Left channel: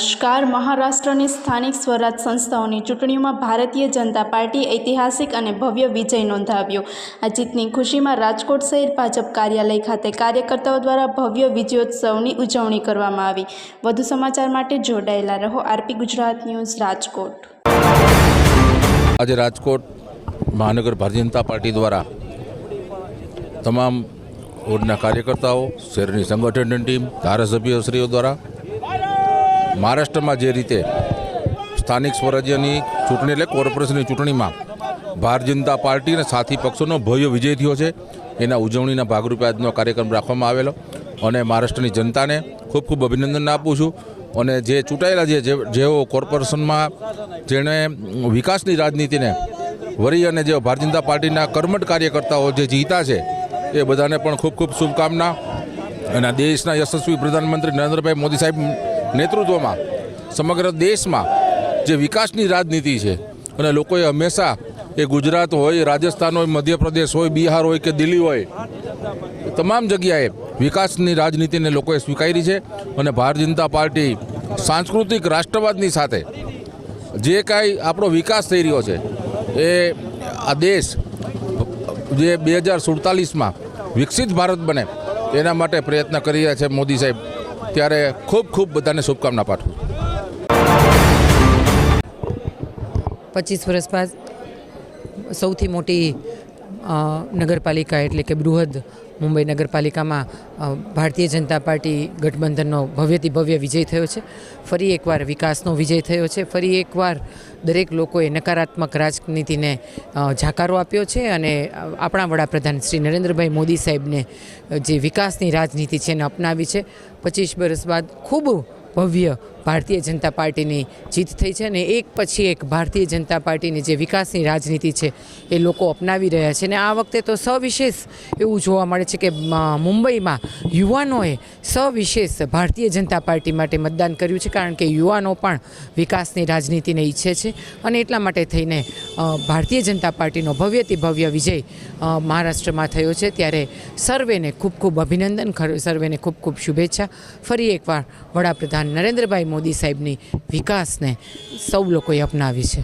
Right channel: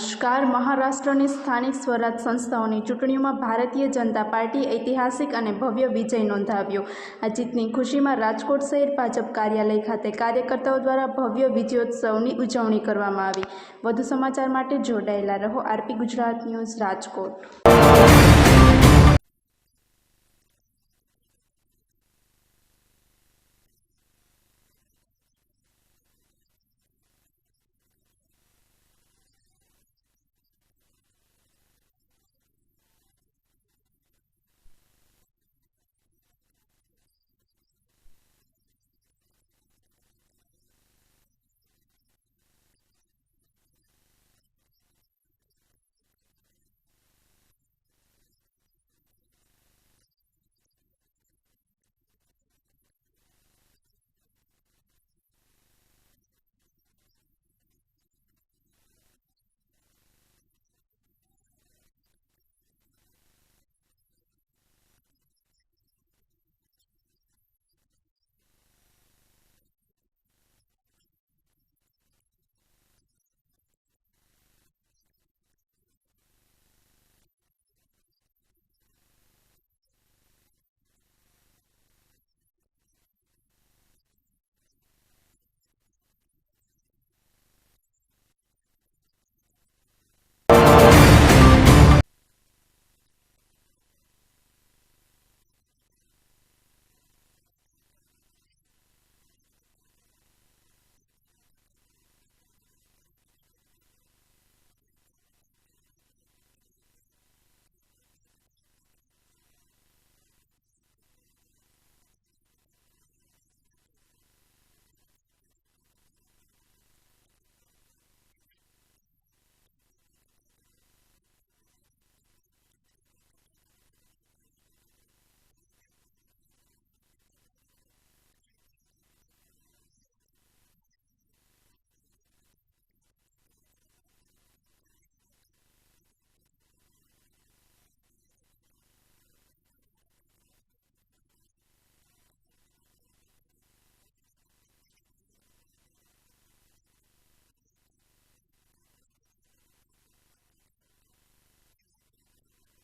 નમસ્કાર. મહારાષ્ટ્રની સ્થાનિક સ્વરાજ સંસ્થાઓની ચૂંટણીઓમાં ભારતીય જનતા પાર્ટીએ ઐતિહાસિક અને ભવ્ય વિજય નોંધાવ્યો. આ જીતની ખુશીમાં રાજકોટ શહેર ભાજપ કાર્યાલય ખાતે કાર્યકર્તાઓ દ્વારા ભવ્ય વિજયોત્સવની ઉજવણી કરવામાં આવી. વધુ સમાચાર માટે જોડાયેલા રહો. RP Gujarat news, Rajkot. આજે રાજકોટ મહાનગર ભારતીય જનતા પાર્ટી દ્વારા તમામ વોર્ડના કાર્યકર્તાઓ, શહેરની સંગઠન ટીમ, ધારાસભ્યશ્રીઓ દ્વારા મહારાષ્ટ્રમાં જે રીતે સ્થાનિક સ્વરાજ્યની ચૂંટણી એટલે કોર્પોરેશનની ચૂંટણીમાં ભારતીય જનતા પાર્ટી અને સાથી પક્ષોનો ભવ્ય વિજય થયો છે, એના ઉજવણીના ભાગરૂપે આજનો કાર્યક્રમ રાખવામાં આવેલો. અને મહારાષ્ટ્રની જનતાને ખૂબ ખૂબ અભિનંદન આપું છું. અને જે ચૂંટાયેલા જેઓ કોર્પોરેશનમાં જેણે વિકાસની રાજનીતિને વરી અને જે ભારતીય જનતા પાર્ટીના કર્મઠ કાર્યકર્તાઓ જે જીતા છે એ બધાને પણ ખૂબ ખૂબ શુભકામના. અને દેશના યશસ્વી પ્રધાનમંત્રી નરેન્દ્રભાઈ મોદી સાહેબ નેતૃત્વમાં સમગ્ર દેશમાં જે વિકાસની રાજનીતિ છે અને લોકોએ હંમેશા એ ગુજરાત હોય, રાજસ્થાન હોય, મધ્યપ્રદેશ હોય, બિહાર હોય કે દિલ્હી હોય, તમામ જગ્યાએ વિકાસની રાજનીતિને લોકોએ સ્વીકારી છે. અને ભારતીય જનતા પાર્ટી સાંસ્કૃતિક રાષ્ટ્રવાદની સાથે જે કાંઈ આપણો વિકાસ થઈ રહ્યો છે એ આ દેશ જે 2047માં વિકસિત ભારત બને એના માટે પ્રયત્ન કરી રહ્યા છે મોદી સાહેબ. ત્યારે ખૂબ ખૂબ બધાને શુભકામના પાઠવું. 25 વર્ષ બાદ સૌથી મોટી નગરપાલિકા એટલે કે બૃહદ મુંબઈ નગરપાલિકામાં ભારતીય જનતા પાર્ટી ગઠબંધનનો ભવ્યથી ભવ્ય વિજય થયો છે. ફરી એકવાર વિકાસનો વિજય થયો છે. ફરી એકવાર દરેક લોકોએ નકારાત્મક રાજનીતિને જાકારો આપ્યો છે અને આપણા વડાપ્રધાન શ્રી નરેન્દ્રભાઈ મોદી સાહેબને જે વિકાસની રાજનીતિ છે એને અપનાવી છે. 25 વર્ષ બાદ ખૂબ ભવ્ય ભારતીય જનતા પાર્ટીની જીત થઈ છે અને એક પછી એક ભારતીય જનતા પાર્ટીની જે વિકાસની રાજનીતિ છે એ લોકો અપનાવી રહ્યા છે. અને આ વખતે તો સવિશેષ એવું જોવા મળે છે કે મુંબઈમાં યુવાનોએ સવિશેષ ભારતીય જનતા પાર્ટી માટે મતદાન કર્યું છે, કારણ કે યુવાનો પણ વિકાસની રાજનીતિને ઈચ્છે છે. અને એટલા માટે થઈને ભારતીય જનતા પાર્ટીનો ભવ્યથી ભવ્ય વિજય મહારાષ્ટ્રમાં થયો છે. ત્યારે સર્વેને ખૂબ ખૂબ અભિનંદન, સર્વેને ખૂબ ખૂબ શુભેચ્છા. ફરી એકવાર વડાપ્રધાન નરેન્દ્રભાઈ મોદી સાહેબની વિકાસને સૌ લોકોએ અપનાવી છે.